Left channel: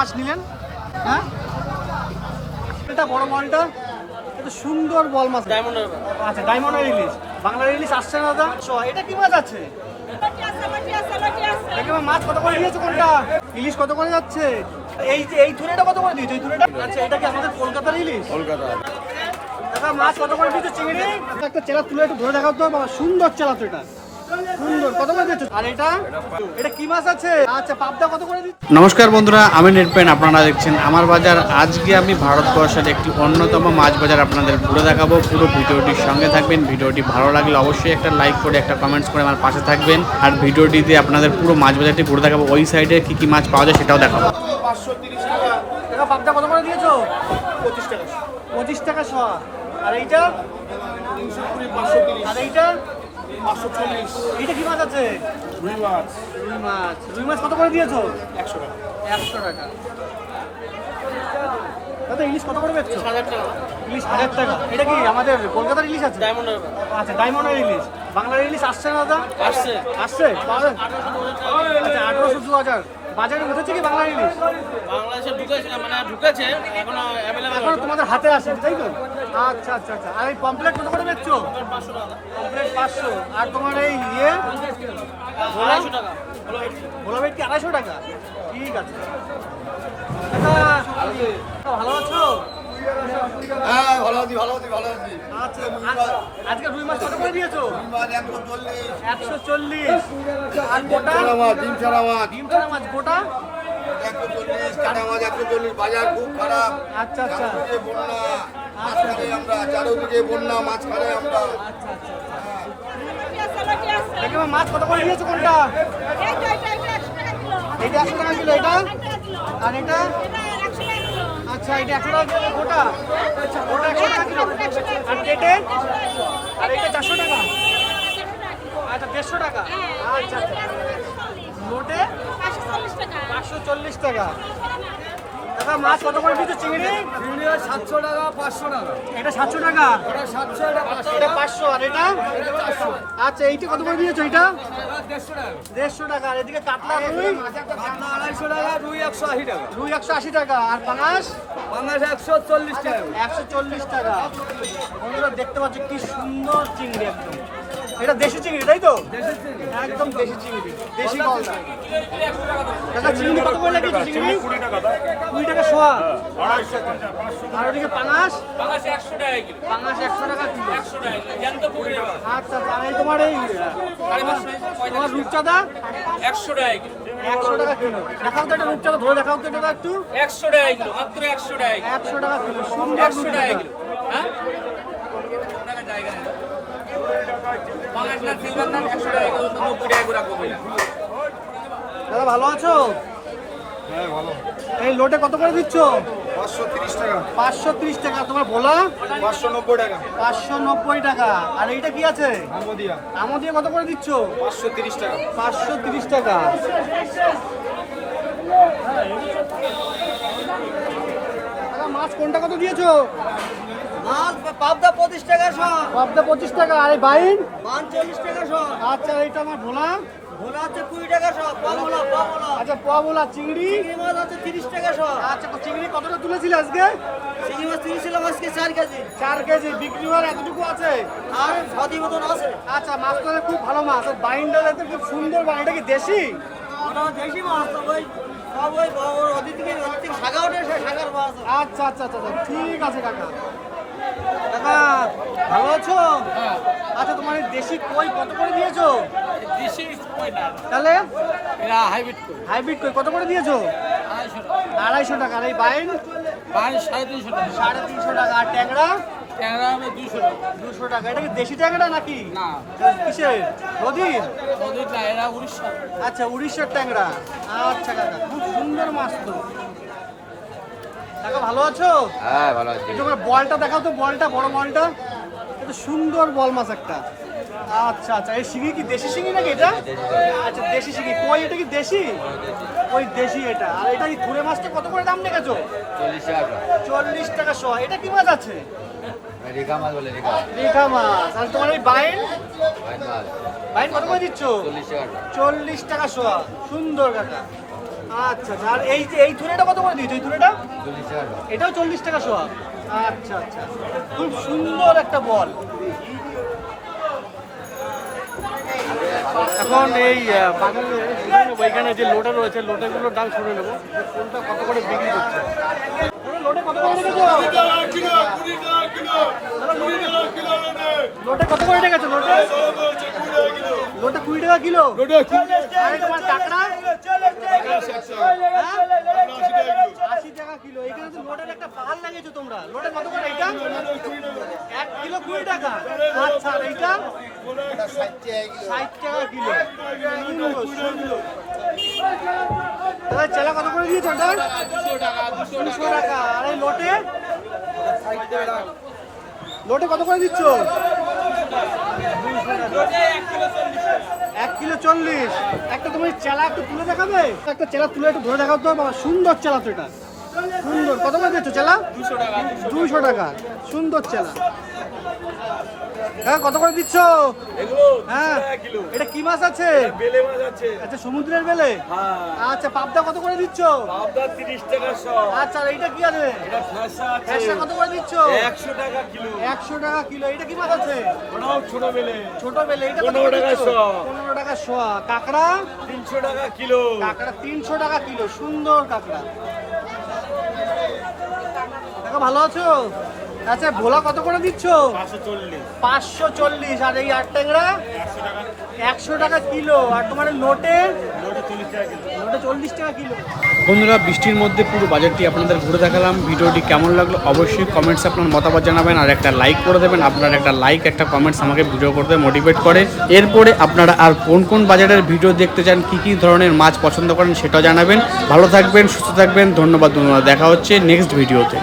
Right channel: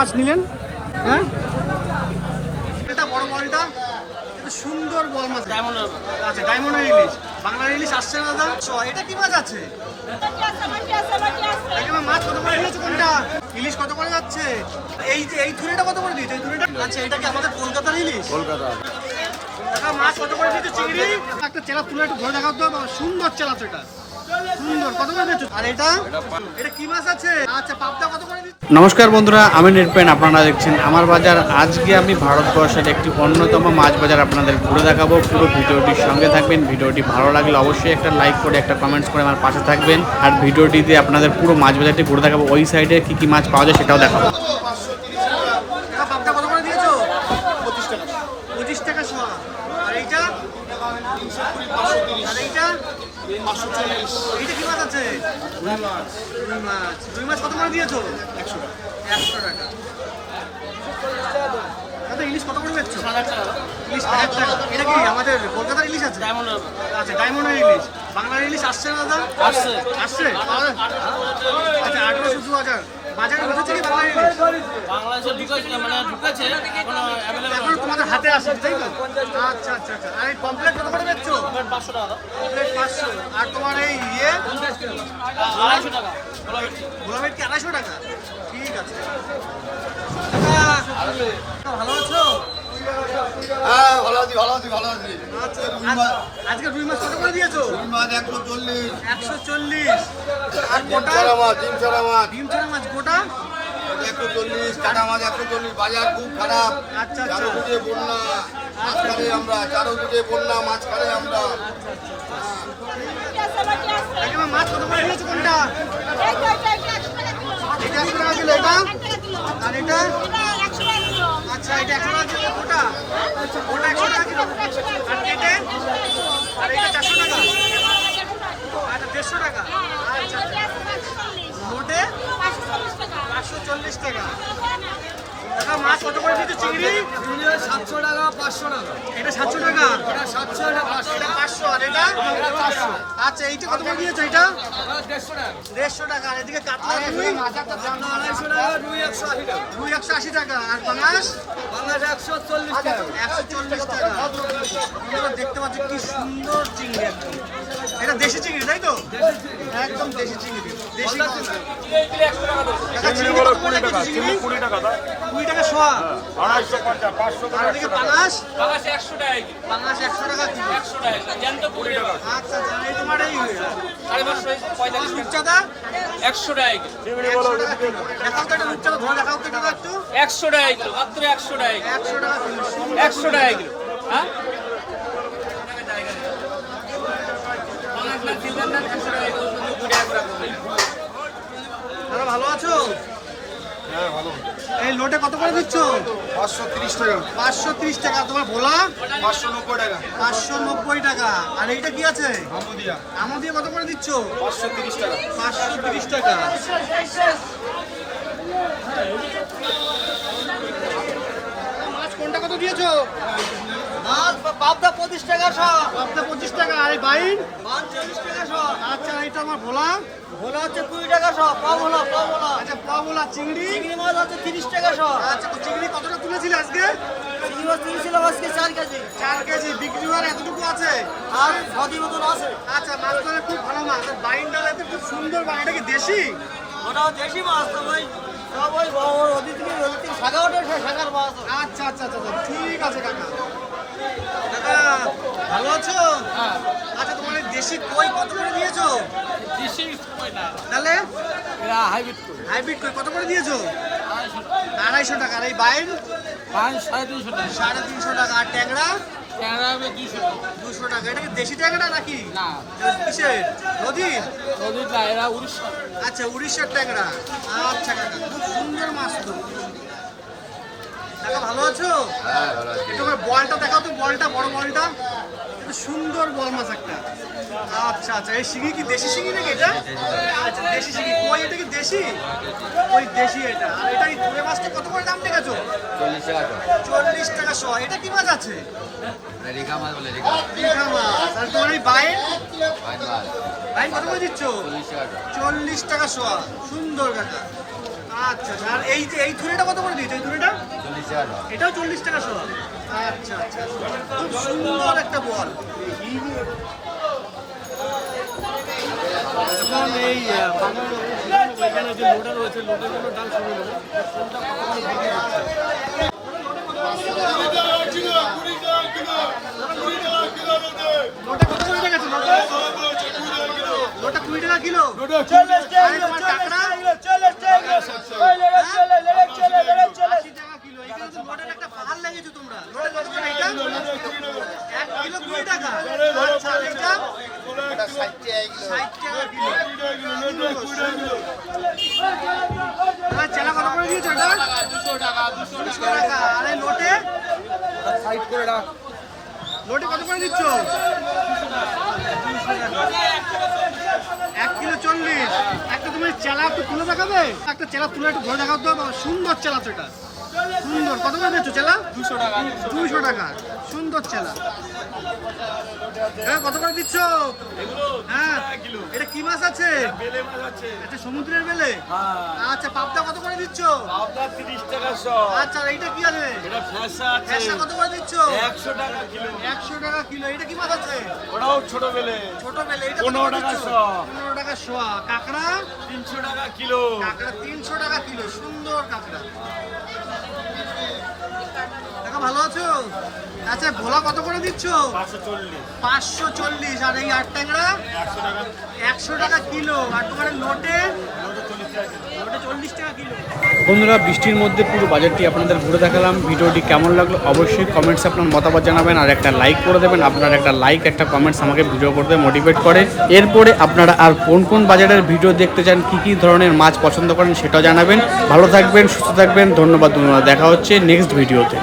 মাছ নিলেন? হ্যাঁ, এটা বড় বলটা, এটা সুন্দর বল মাছ, ডায়মন্ড। আচ্ছা, ডায়মন্ডের ইলিশ, বাংলার ইলিশ আসছে না দাদা। এটা কি মাছ আছে? মাছ কত করে দিয়েছে কোনটা? ইলিশ কত করে যাচ্ছে? এই যে এই থুরেটা কত করে দিয়েছে? এই থুরেটা, আচ্ছা, এটা কি আমাদের কলকাতার ইলিশ? কলকাতা। দাদা মাছ কত করে দিয়েছে? চিংড়ি একটা চেলা তুলে একটু ধরে দেখাও তো বাবা, সুন্দর চেলা তো, এটা সুন্দর। কত করে দিয়েছো? আর এটা এটা কি মাছ আছে? আচ্ছা, পাবদা কত করে দিচ্ছ? নমস্কার বন্ধুরা, আমি নির্পেন, আপনারা দেখছেন আমার বাজার। আজকে আমি ভারতবর্ষের একটি অন্যতম মাছ বাজার আপনাদের ঘুরে দেখাবো। পুরো ভিডিওটির সঙ্গে থাকবেন। ভিডিওটি ভালো লাগলে অবশ্যই একটা লাইক করে একটা কমেন্টস করে আমার পাশে থাকবেন। আর ভিডিওটিতে আপনাদের পুরো মাছ বাজারটি ঘুরে দেখাবো, ওই সাইডে কি কি মাছ পাওয়া যায় সেটাও দেখাবো। পাবদা কত করে দিয়েছো? 25 টাকা। 25 টাকা শ। আর এইটা 320, 530। আর এইটা 540। এইটা কি মাছ আছে? রুই মাছ। রুই মাছ, রুই মাছ কত করে দিয়েছো? 100 টাকা। 100 টাকা। দাদা ইলিশ কত করে বেচছো? 1000 টাকা। ইলিশ 1000 টাকা। এটা কি আমাদের কলকাতার ইলিশ আছে? ডায়মন্ডের। আচ্ছা, ডায়মন্ডের ইলিশ, বাংলার ইলিশ আসছে না দাদা? আসছে। আসছে, পাওয়া যায়? 1800, আচ্ছা, 1800, 2000। বাজারে উঠেছে কি বাংলার ইলিশ? বাংলাদেশে ঢুকেছে, মানে ঢুকেছে, এখনো অ্যাভেলেবল, এখনো তোমাদের হাতে আসেনি, তাই তো? আচ্ছা আচ্ছা আচ্ছা। আর এই পমপ্লেট কত করে বেচছো? 500 টাকা। পমপ্লেট 500। আর তোমার এই 250 টাকা। ভোলা ভেটকি 250 টাকা। ঠিক আছে দাদা, ভালো আছো? হ্যাঁ, ভালো আছি, ভালো আছি, ভালো আছি। আচ্ছা, আজকে রুই মাছ কত করে দিয়েছো? রুই মাছ 140। 140। আর গোটা মাছ, ডিম ছাড়া মাছ। ডিম ছাড়া মাছ গোটা 140, কাটা মাছ 140। বাজার খুব খারাপ। আচ্ছা আচ্ছা। চারদিকে বন্যা, মাছ খাই আমরা, চারদিকে বন্যা, মাছ খাই আমরা। আচ্ছা, মাছ কত করে দিয়েছো কোনটা? এটা 100 টাকা কিলো। এটা আর এটা, আচ্ছা, এটা 100 টাকা কিলো। গোটা গোটা 100 টাকা কিলো। আর কেটে, আর এটা 400 টাকা। আচ্ছা, 150 টাকা। আচ্ছা আচ্ছা। নোটে 540 টাকা। দাদা মাছ কত করে দিতে? চিংড়ি 700 টাকা, 500 টাকা। এটা 700 টাকা। এটা 700, এটা 500। এটা 500। আর এটা 400। আচ্ছা, এইটা কত করে দিয়েছো? এটা 150 টাকা। 150 টাকা। আর এদিকে কাতলা রুই 200 টাকা, রুই 180 টাকা। রুই 180 টাকা। আর পাঙাশ বাংলাদেশ 140 টাকা। 140 টাকা। বন্ধুরা দেখতে পাচ্ছ কি সুন্দর চিংড়ি, একদম এটা দেশি চিংড়ি, তাই তো? একদম দেশি চিংড়ি, দেশি পাঙাশ। কাকা চিংড়ি কত করে লাগিয়েছো? চিংড়ি 20 টাকা। 20 টাকা শোয়া। আচ্ছা। আর ওদিকে পাঙাশ 100 টাকা কিলো। পাঙাশ 100 টাকা কিলো। 100 টাকা কিলো জ্যান্ত পুকুরে। আচ্ছা আচ্ছা। আর এই তোমার এই তোমার রূপচাঁদা 100 টাকা কিলো। 100 টাকা কিলো। দেখাও তো একটা রূপচাঁদা, ধরে দেখাও তো এটা একটু। 100 টাকা কিলো, মাত্র 100 টাকা কিলো। 100 টাকা কিলো, সুন্দর 100 টাকা কিলো। হ্যাঁ, দাদা ভালো আছো? হ্যাঁ, ভালো। এই লোটে কত করে দিচ্ছ? 530 টাকা। 530 টাকা। তোমার ভোলা 590 টাকা। 590 টাকা। আর এইটা কি আছে? আমদিয়া আমদিয়া কত করে দিচ্ছ? 530 টাকা। 530 টাকা। দাদা মাছ কোনটা কত দিয়েছো? মাছ পাবদা 25 টাকা শ। পাবদা 25 টাকা। আর এই বাইন? 40 টাকা শ। আচ্ছা, এইটা আমার ভোলা। ভোলা হচ্ছে 20 টাকা শ। পাবলা, পাবলা। আচ্ছা, পোয়া ভোলা। চিংড়ি চিংড়ি মাছ হচ্ছে 30 টাকা শ। আচ্ছা, চিংড়ি কতটা তুলেছিলে আজকে? চিংড়ি মাছ তুলেছিল আজকে 4 কেজি। 4 কেজি। বিক্রি হওয়ার এতটুকু আছে? আর 6 মতন আছে। আচ্ছা, মাছ তো খুব ভালো মাছ। আর বাইনটা তো খুব সুন্দর বাইন। এটা কি দেশি? ওটা দেশি মাছ, সব ওই ওদিক থেকে শাখা ওঠে, শাখার মাছ। আচ্ছা আচ্ছা আচ্ছা আচ্ছা। ঠিক আছে কাকা। কাকা ভালো আছো? হ্যাঁ, আচ্ছা, তোমার এই দেশি কই কত করে দিয়েছো? দেশি কই না, তাহলে এরা হাইব্রিড কই। হাইব্রিড কই কত করে দিয়েছো? 250 টাকা। 250 টাকা। আর এই বাইন? বাড়ি 350 টাকা। 350 টাকা। আর ট্যাংরা ট্যাংরা হবে 200 টাকা। 200 টাকা। এটা কি দেশি ট্যাংরা নাকি? না, এটা কিসের? নদীর? নদীর না, এরা উড়িষ্যার। আচ্ছা, উড়িষ্যার ট্যাংরা। আচ্ছা কাকা, খুব সুন্দর মাছ তো। কাকা ভালো আছো? হ্যাঁ, ভালো আছে। একটু বলটা দেখাও তো, বলটা, বড় বলটা। এটা সুন্দর বল মাছ একটা। আচ্ছা আচ্ছা। এই শিঙি কি দেশি শিঙি নাকি এটা? আচ্ছা, দেশি শিঙি। কই এটা কি দেশি? ওই দেশি এটা। আর এটা কি ধুরে মাছটা কত করে দাম দেখেছো? 40 টাকা। 40 টাকা শ। এটা কি মাছ আছে? রেখা মাছ বলে, রেখা রেখা মাছ। আর তোমার এই বাইন? মাছ বাইন কত করে দিচ্ছ? 40 টাকা। 40 টাকা শ। সুন্দর কাকা। আচ্ছা আচ্ছা। আর এই যে এই থুরেটা কত করে দিয়েছো? এই থুরেটা এটাও 40 টাকা শোয়া। আচ্ছা আচ্ছা, খুব সুন্দর একটা বল। এখন এই বাগানে শুনে নেবো, এখানে যে লোটা রয়েছে লোটেগুলোর দাম শুনে নেবো যে কোনটা কত করে বিক্রি দিচ্ছে। লোটে কত করে রেখেছো? লোটে কত করে রেখেছো? লোটে লোটা 20 টাকা কিলো। আরে তোমার কাঁকড়া 80 টাকা কিলো। এখানে তো লোটের একটা পাহাড় লাগিয়েছো তোমরা। লোটে কত করে এটা? 1 কিলো 20 টাকা। আচ্ছা, আর এইটা 60 টাকা কিলো। সুন্দর সুন্দর। এবার চেলা কত করে দিয়েছো এটা? 200 টাকা। আর এই লোটে লোটে কত করে দিচ্ছ? 200 টাকা। 1 কিলো 40। একটা তুমি চেলা একটু তুলে দেখাবে? একটা চেলা তুলে একটু ধরে দেখাও তো বাবা। সুন্দর চেলা তো এটা, সুন্দর। কত করে দিচ্ছ চেলা? 200 টাকা। সুন্দর চেলা। হ্যাঁ, কত করে দিচ্ছ? হ্যাঁ, এটা কি মাছ আছে? বেলে মাছ আছে। আচ্ছা, সমুদ্রের বেলে। আচ্ছা, পাবদা কত করে দিচ্ছ? পাবদা 30 টাকা শ। আচ্ছা, আর এইটা কি আছে? এটা ফ্যাসা আছে। ফ্যাসা কত করে দিচ্ছ? 100 টাকা কিলো। 100 টাকা কিলো। এটা কি মাছ আছে? ওটাও ছোট বেলে। ছোট বেলে। এটা কত 15 করে টাকা দিচ্ছ? শ। 15 টাকা শোয়া। কাঁকড়া 300 টাকা কিলো। কাঁকড়া 300 টাকা কিলো। সুন্দর কাঁকড়া। কাকা ভালো আছো? আচ্ছা, ভোলা কত করে দিচ্ছ? 540। 540। আর এই 8 ট্যাংরা 100 টাকা কিলো। আর তোমার লোটে লোটা 40 টাকা কিলো। লোটে 40 টাকা কিলো। বন্ধুরা, বৃষ্টির মধ্যে পুরো বাজারটি আপনাদের ঘুরে দেখালাম। ভিডিওটি কেমন লাগলো অবশ্যই কমেন্টসে আপনার মতামত জানাবেন, আর একটা লাইক করে দেবেন। আপনার একটা লাইক, একটা কমেন্টস আমাকে ভিডিও করতে মোটিভেট করে। এরপরে আপনারা আর কোন কোন বাজারের ভিডিও দেখতে চান, কী কী ধরনের মাছ পছন্দ করেন সেটাও জানাবেন। ভালো থাকবেন, সুস্থ থাকবেন। ধন্যবাদ বন্ধুরা, দেখা হচ্ছে নেক্সট ভিডিওতে।